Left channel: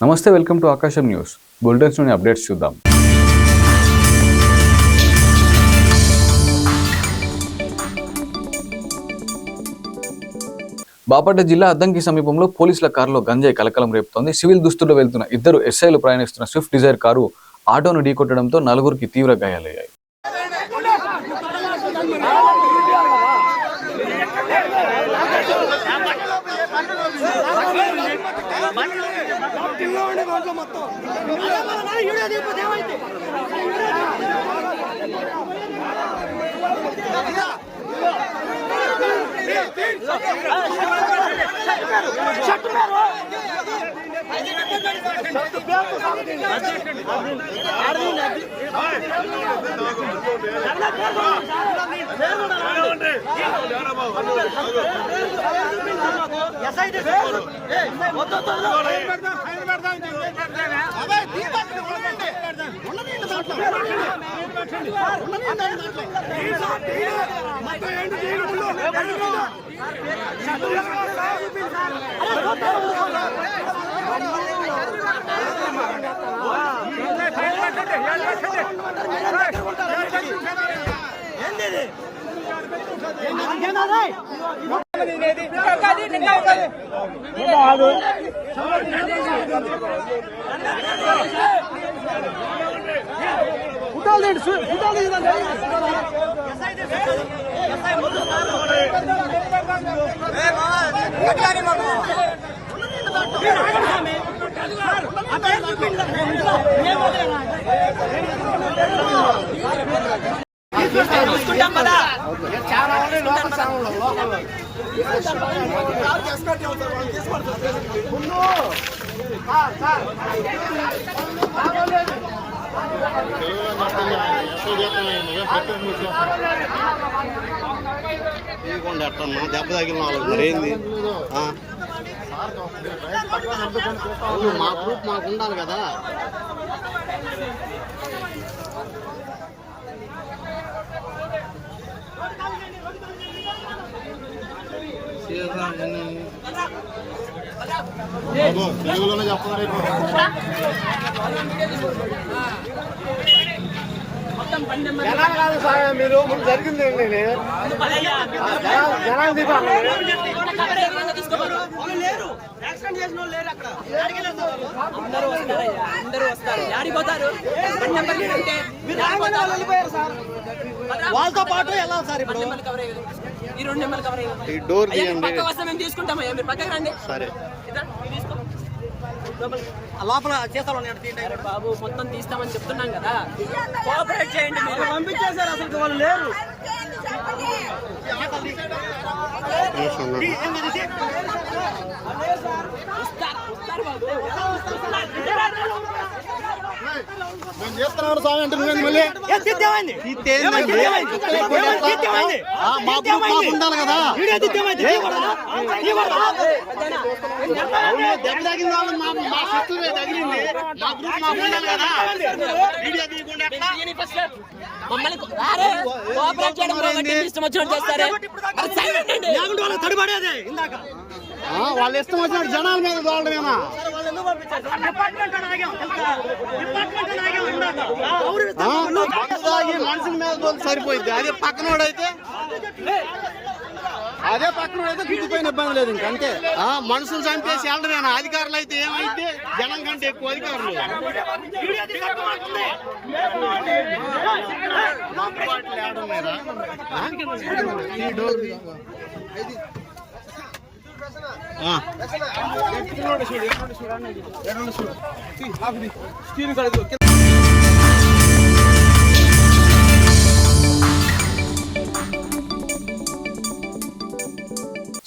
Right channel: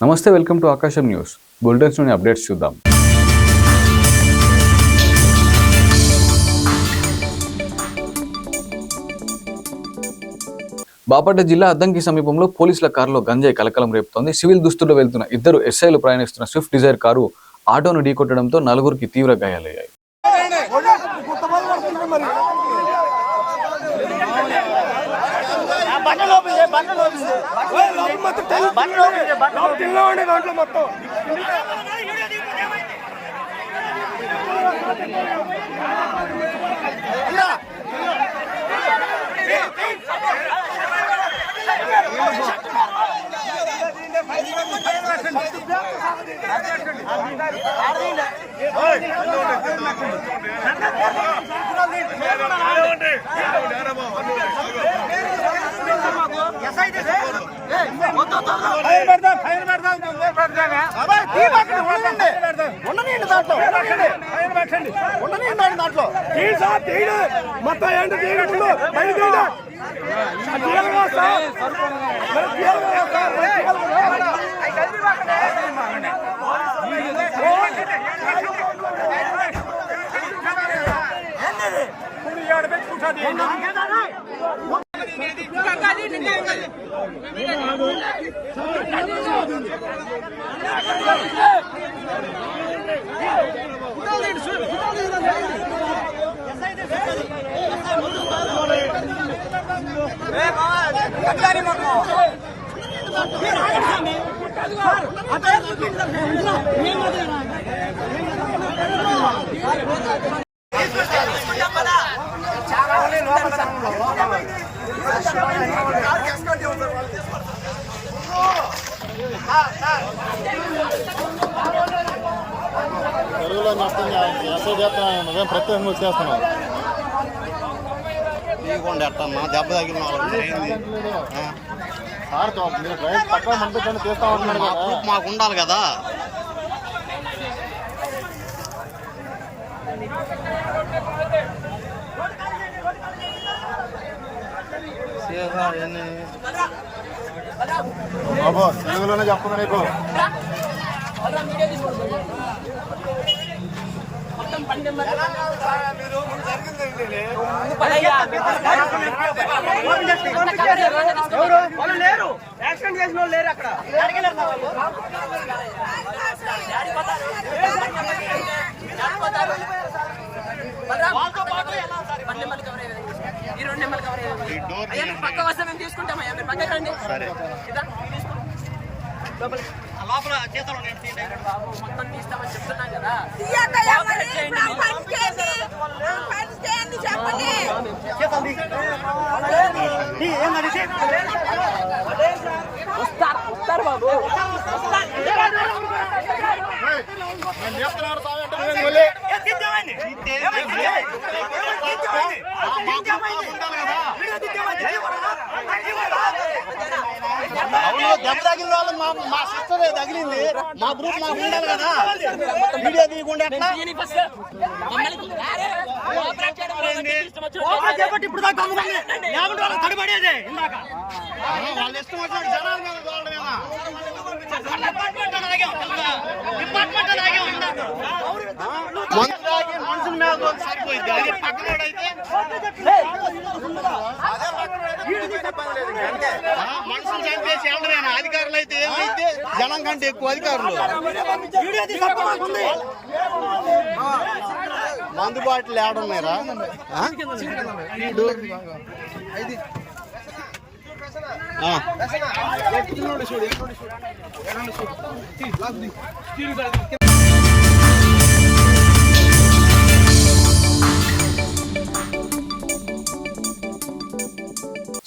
నమస్తే, welcome to ఆకాశం news బులెటిన్స్లోని updates చూద్దాం. బాపట్ల జిల్లా అద్దంకి సమీపంలో పోలీసుల కారులో గంజాయి కలకలం రేపుతోంది. సివిల్ దుస్తుల్లో వెళ్తున్న ఇద్దరు ఎస్ఐలు ప్రయాణిస్తున్న స్విఫ్ట్ డిజైర్ కారు ఆటోను ఢీకొట్టడంతో నలుగురికి తీవ్ర గాయాలయ్యాయి. ఎట్టన్నా దెబ్బ తగిలిన వాళ్ళకి ఏంది మా ప్రూఫ్ మాకు ఉండాలి కదా. తెలుగులోనే చెప్పండి నీకు. మీరు ముందు జరిగింది లేరు, యాక్సిడెంట్ చేసిన వాళ్ళు లేరు అక్కడ. వాళ్ళతో పాటు ఎలా సార్ ఈ డోర్ తీయండి. సరే లోపల చేస్తాను బాబు, మొత్తం తీస్తామని చెప్తున్నాం కదా. చేయండి మీరు. వస్తారు బాబు. అవును, దెబ్బ తగిలిన వాళ్ళు మా సిస్టర్ తగిలింది, మా గ్రూప్ మాకు ఉండాలి కదా. వీడియో తీయకుండా తడిపడేదే ఇందాక వాళ్ళ ఇష్టం వచ్చిన జనాల మీద వాళ్ళమేనా. మందు తాగి మనుషుల మీద తోలి సరిపోయింది. అదే పక్కనోడైతే ఇబ్బంది లేదు. ఇంకంటే మనుషులు చంపేసి వెళ్ళడమేనా. అధికారులు అయితే ఏమైతే జనం కంటే ఎక్కువ అధికారులు. మందు బాటిల్ వేయడం లేదా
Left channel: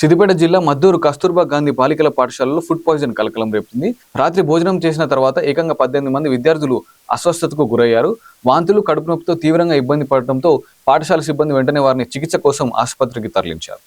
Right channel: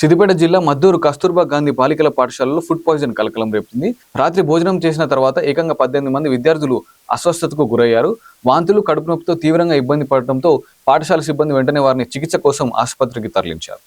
సిద్దిపేట జిల్లా మద్దూరు కస్తూర్బా గాంధీ బాలికల పాఠశాలలో ఫుడ్ పాయిజన్ కలకలం రేపుతుంది. రాత్రి భోజనం చేసిన తర్వాత ఏకంగా 18 మంది విద్యార్థులు అస్వస్థతకు గురయ్యారు. వాంతులు, కడుపు నొప్పితో తీవ్రంగా ఇబ్బంది పడటంతో పాఠశాల సిబ్బంది వెంటనే వారిని చికిత్స కోసం ఆసుపత్రికి తరలించారు.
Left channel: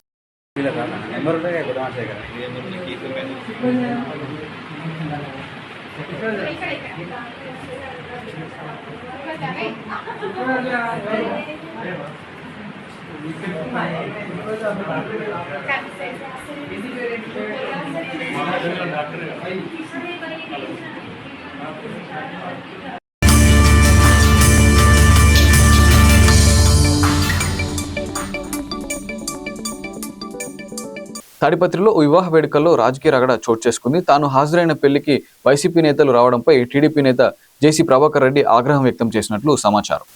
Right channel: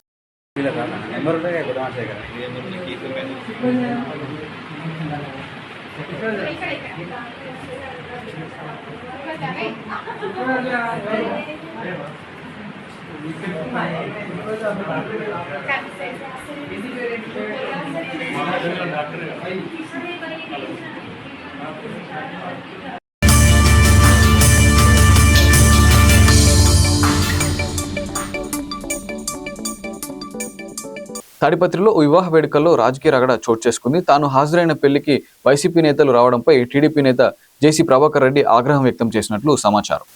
తాడిపత్రిలో వివాహ వేడుకల్లో రాజకీయ రగడ చోటు చేసుకుంది. తాను హాజరైన పెళ్లికి వైసీపీ నేతలు రావడంపై టీడీపీ నేత జేసీ ప్రభాకర్ రెడ్డి ఆగ్రహం వ్యక్తం చేసినట్లు సమాచారం.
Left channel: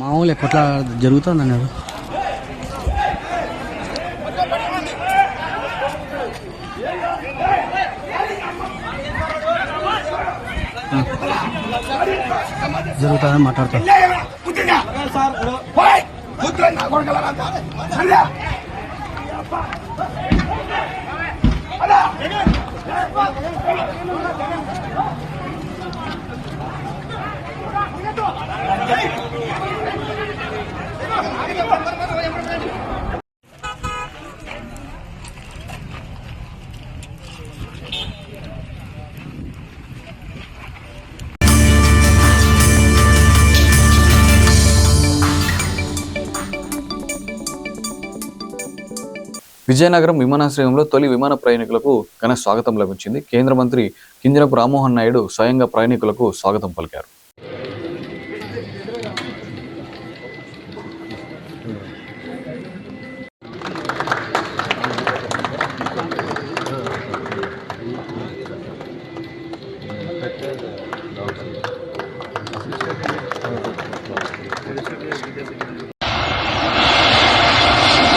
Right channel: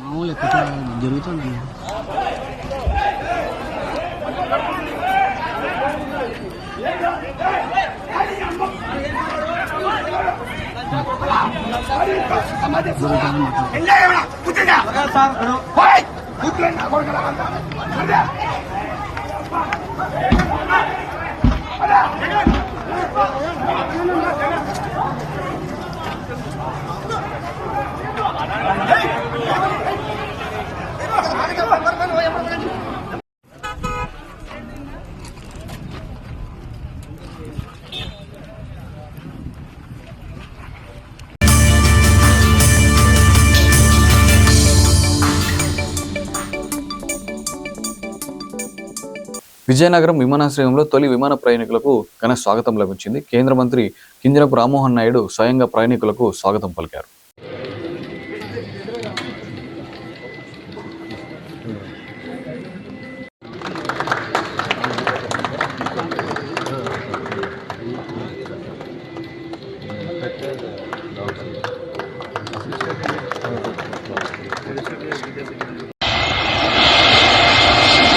మామూలు ఎక్కడ జరుగుతుంది అన్నాడు. జరుగుతుందని మాట్లాడతారు. విజయనగరం విమానాశ్రయంలో తొలి విమాన ప్రయాణికులకు ఘన స్వాగతం లభించింది. కేంద్ర మంత్రి కింజరాపు రామ్మోహన్ నాయుడు స్వయంగా ప్రయాణికులకు స్వాగతం పలికారు.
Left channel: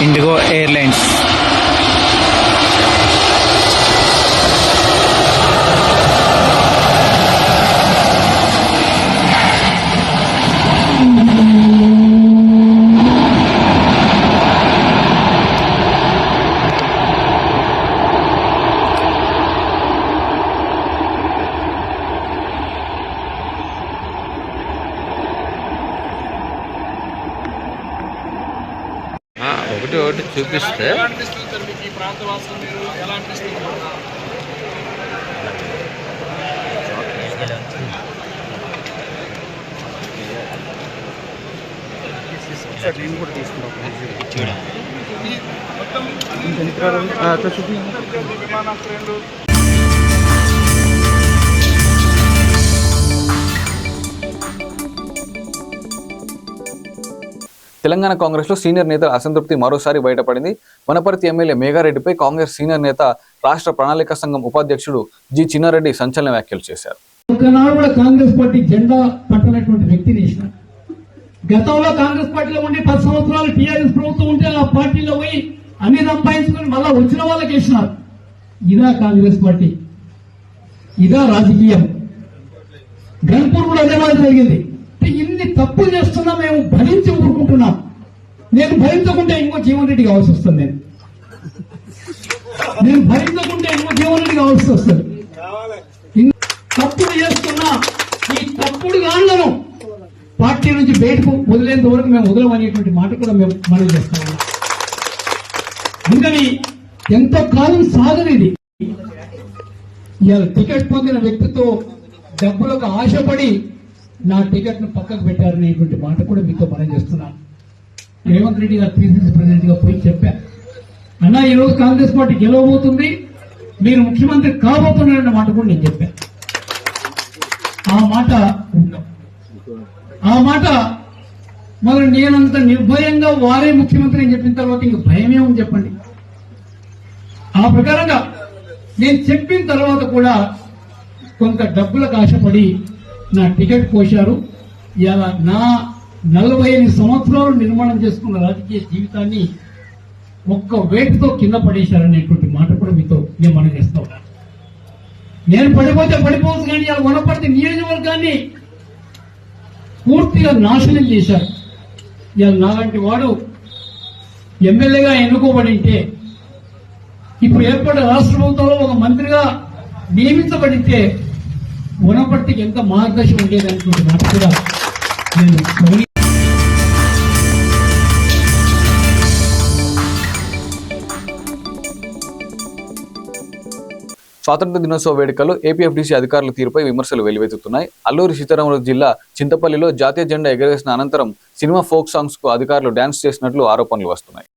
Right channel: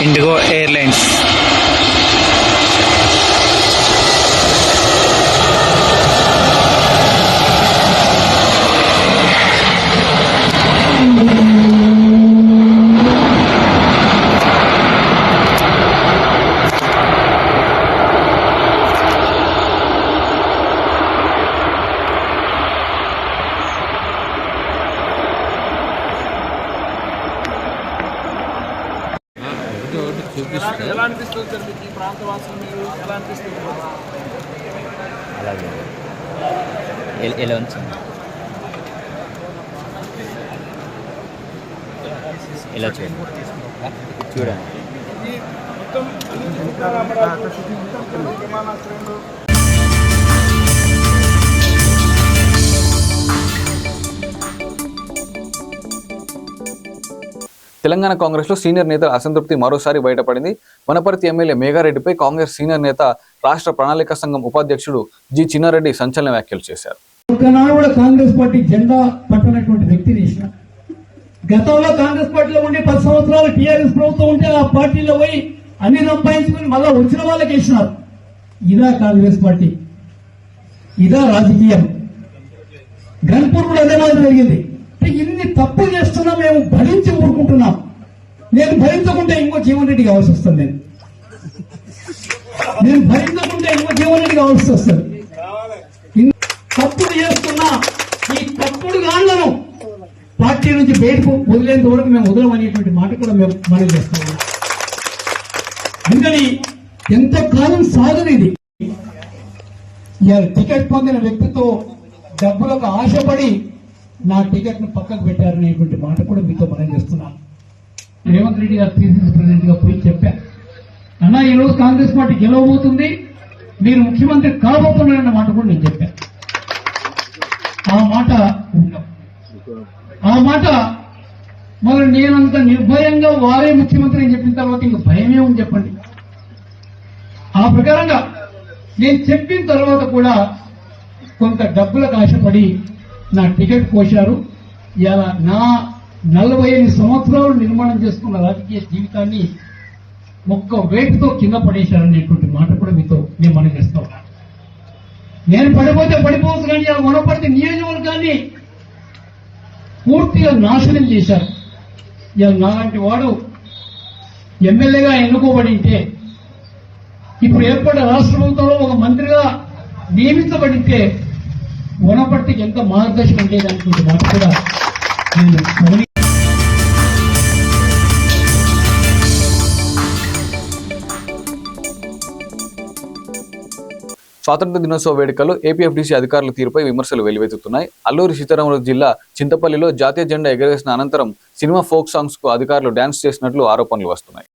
ఇండిగో ఎయిర్లైన్స్ ఒకటి చూపిస్తే ఇలా చూడ తెలంగాణ కాంగ్రెస్ లో సీనియర్ నేతల అసంతృప్తి మరోసారి బయటపడింది. వనపర్తి ఎమ్మెల్యే మేఘారెడ్డిపై కాంగ్రెస్ సీనియర్ నేత రాష్ట్ర ప్రణాళిక సంఘం ఉపాధ్యక్షుడు జి చిన్నారెడ్డి సంచలన వ్యాఖ్యలు చేశారు. ఒకనాడు కూడా కాంగ్రెస్ పార్టీ జెండా పట్టనటువంటి వ్యక్తిని వేసిన. గతంలో కాంగ్రెస్ పార్టీలో ఉండి 10 సంవత్సరాలు టీఆర్ఎస్ ప్రభుత్వం ఉంటే ఆ పార్టీలో పోయి అన్ని సంపాదించుకుని మళ్ళా వచ్చిన వాళ్ళకి వేసినారు. ఇదా కాంగ్రెస్ పార్టీ, ఇదా రాజకీయం. గన్పూర్ కూడా అదే మాట జరిగింది. ఇన్ని తప్పులు చేస్తున్నా మేము భరించి ఊరుకుంటున్నాం. నేను భరించకుంటే ఇంకో జీవన్ రెడ్డి కావాల్సి వస్తుంది. నేను భరించకుంటే ఇంకో జీవన్ రెడ్డి కావాల్సి వస్తుంది. తప్పుడు చేస్తున్నా ఈ తప్పుడు గాళ్లను పార్టీ నుంచి బయటకు వదిలేంత వరకు మేము వదలమనేటువంటి మాట కూడా మేము మనం చేస్తున్నాం. అందుకని ఎంతకాలం సాగనిది. ఇవాళ టికెట్ పొందిన వ్యక్తితో డబ్బులకు ఆశపడి నా టికెట్ ను పక్కకు పెట్టారనేటువంటి మాట కూడా మీతో మనం చేస్తున్నాను. రేవంత్ రెడ్డి గారు పిసిసి ప్రెసిడెంట్ గా పోయి చెప్పా, అన్నా ఈరోజు కాంగ్రెస్ పార్టీ గెలవబోతుంది, మీరు ముఖ్యమంత్రి కాబోతున్నారన్న మాట కూడా నేను చెప్పాను. ఆ మాట మనం నేనంత నిర్భయంగా వారే ముఖ్యమంత్రి అని చెప్పిన తర్వాత ఇంక భయమే ఉంది చెప్పండి. ఆ ప్రకారంగా నేను చెప్పిన తర్వాత కూడా కొంత డబ్బులకు ఆశపడి నా టికెట్ కోశారు. ఇలా నా 45 సంవత్సరాలు నిర్మాణం చేసుకున్న రాజకీయ జీవితాన్ని ఒక్క వేటుతో కింద పడేశారనేటువంటి మాట కూడా మీతో నేను మనం చేస్తా ఉన్నాను. నేను పడిపోతే పడిపోవచ్చు కానీ ఆ వనపర్తి నియోజకవర్గాన్ని పూర్తిగా నాశనం చేశారు. నాలాంటి వాడు ఎమ్మెల్యేగా ఎన్నుకోబడింటే, ఇప్పుడు ఏర్పడిన రాష్ట్ర ప్రభుత్వంలో ఒక మంత్రిగా నియమించబడితే వనపర్తికి ఎంత మార్గదర్శనం ఉండేదనుకుంటే నాకు కూడా నేను స్వాతంత్ర దినోత్సవ వేడుకల్లో ఏపీఎఫ్డీసీ అధికారుల తీరుపై విమర్శలు వెల్లువెత్తుతున్నాయి. అల్లూరి సీతారామరాజు జిల్లా చింతపల్లిలో జాతీయ జెండా ఎగరవేసిన అనంతరం సినిమా ఫోక్ సాంగ్స్ కు అధికారులు డాన్స్ చేసినట్లు ఆరోపణలు వస్తున్నాయి.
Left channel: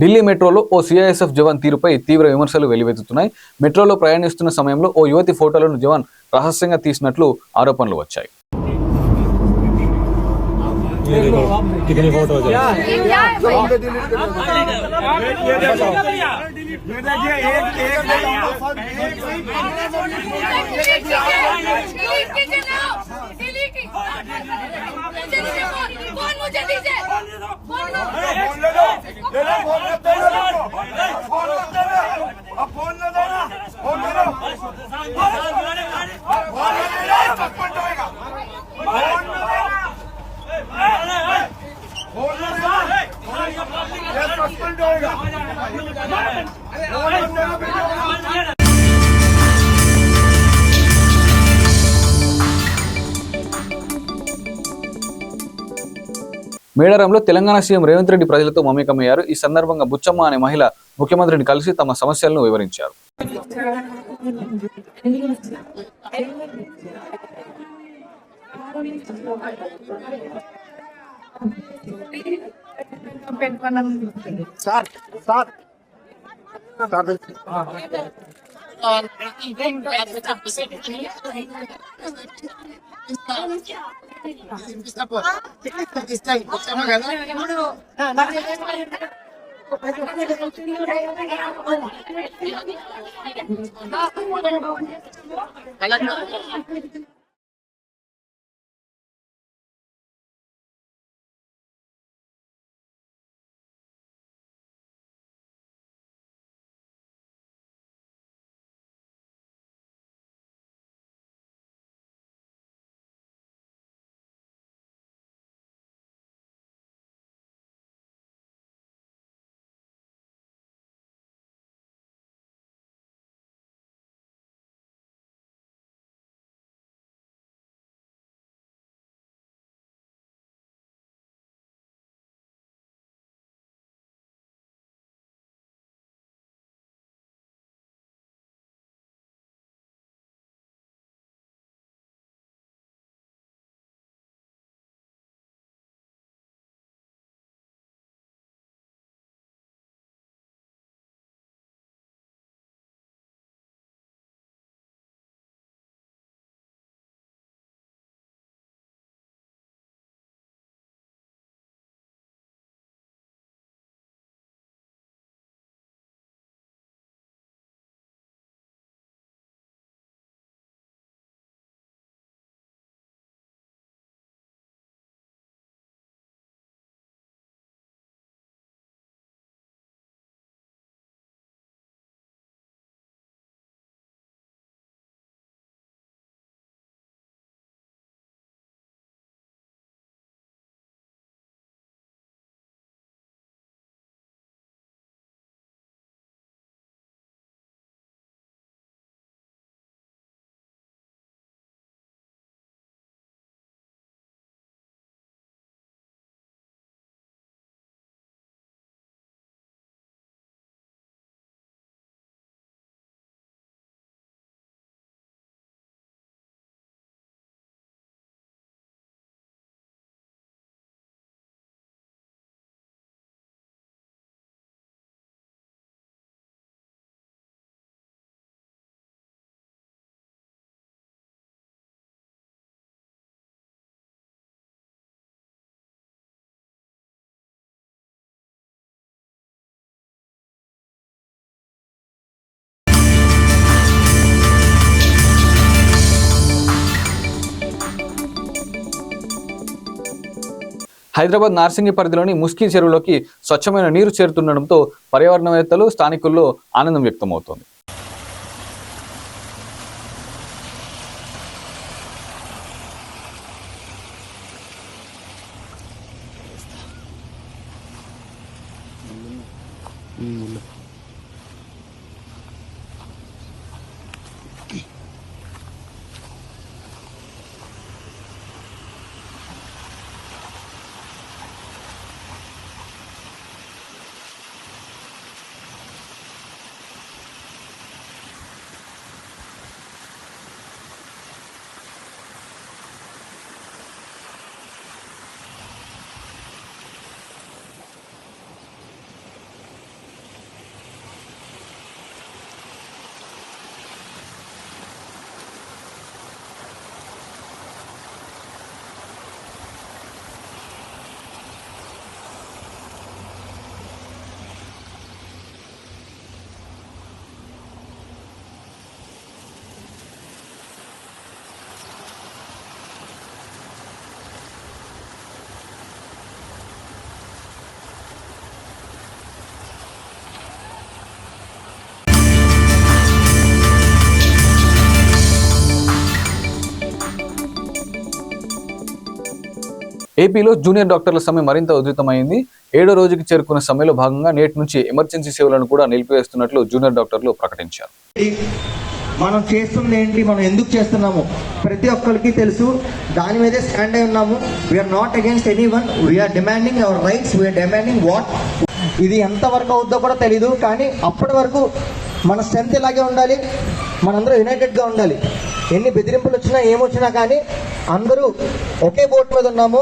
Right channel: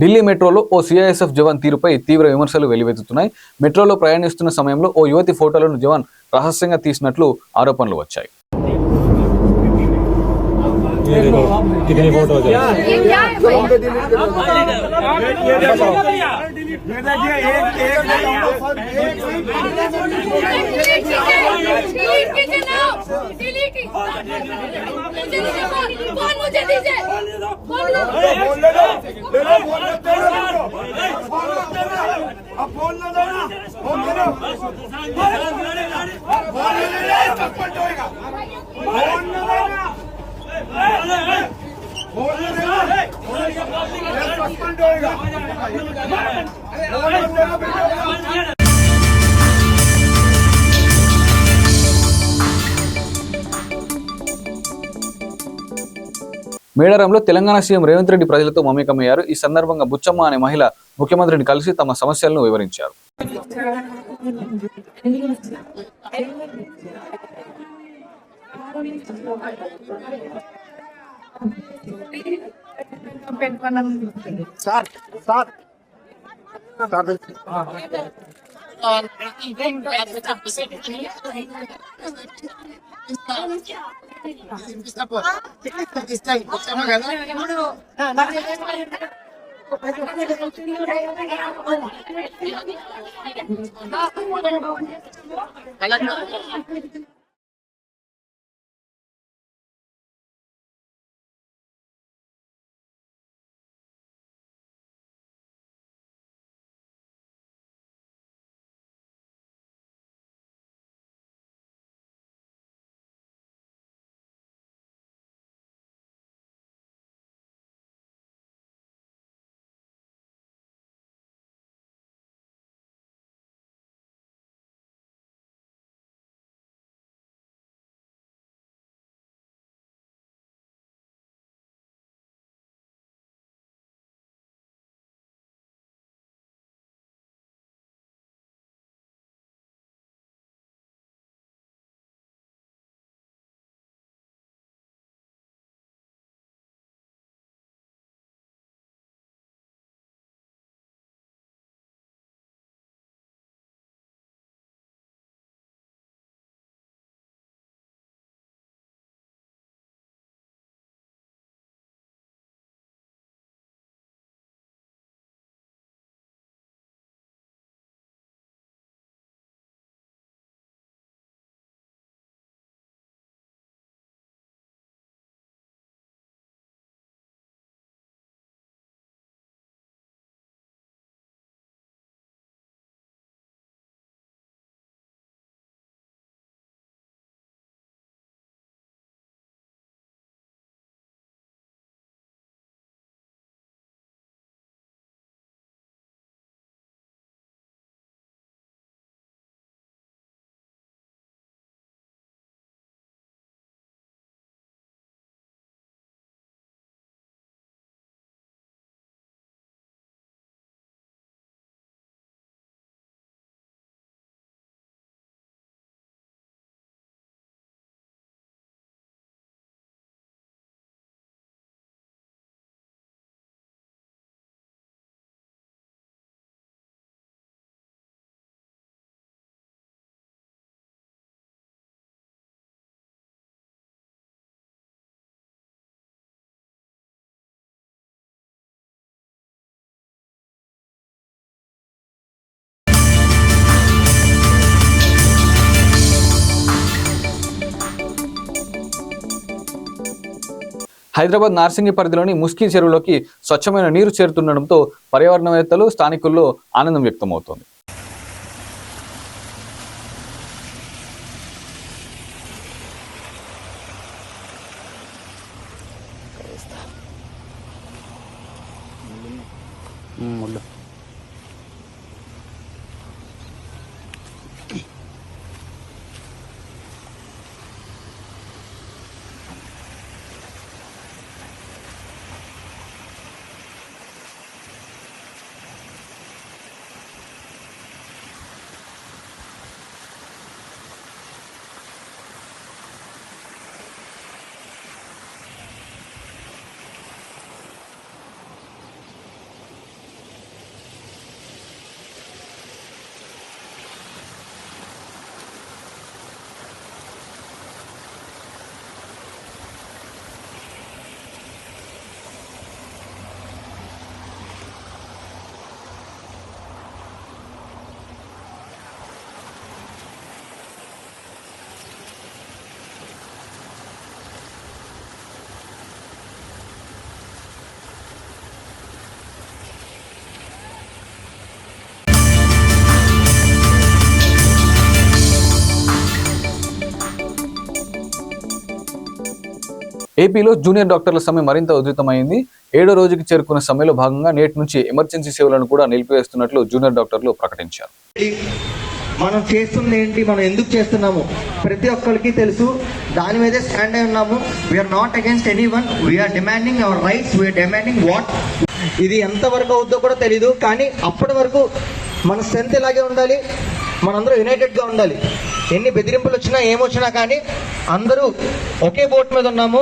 ఢిల్లీ మెట్రోలో ఓ సిఐఎస్ఎఫ్ జవాన్ తీరుపై తీవ్ర విమర్శలు వెల్లువెత్తుతున్నాయి. మెట్రోలో ప్రయాణిస్తున్న సమయంలో ఓ యువతి ఫోటోలను జవాన్ రహస్యంగా తీసినట్లు ఆరోపణలు వచ్చాయి. మేడారంలో తెలంగాణ సీఎం రేవంత్ రెడ్డి ప్రజలతో మమేకమయ్యారు. ఈ సందర్భంగా బుచ్చమ్మ అనే మహిళ ముఖ్యమంత్రిని కలిసి తమ సమస్యలను వివరించారు. హైదరాబాద్ నార్సింగి పరిధిలోని ముస్కి చెరువులోకి స్వచ్ఛమైన నీరు చేరుతుండడంతో పర్యావరణవేత్తలు స్థానికుల్లో ఆనందం వ్యక్తమవుతోంది. ఏపీలో జూనియర్ డాక్టర్ల సమ్మె మరింత ఉధృతమైంది. 7వ రోజుకి చేరుకున్న సమ్మెలో భాగంగా నేటి నుంచి ఎమర్జెన్సీ సేవలను కూడా నిలిపివేస్తున్నట్లు జూనియర్ డాక్టర్లు ప్రకటించారు. మనం చేస్తుంది ఏంటి, మనం ఎందుకు చేస్తున్నాము ప్రతి ఒక్కరికి తెలుసు. దాని మీదే స్టాండ్ అయి ఉన్నాము. We are not against anyone. We are demanding our rights. We are demanding what. ఇది ఎంతవరకు అవుద్దో కూడా తెలీదు, కానీ అప్పటి వరకు మన స్ట్రెంత్ ఇలాగే ఉండాలి. మనందరూ యునైటెడ్ గా ఉండాలి. ఎన్ని బెదిరింపులు వచ్చినా ఏమొచ్చినా కానీ అందరూ ఒకే బోట్ మీద ఉన్నాము.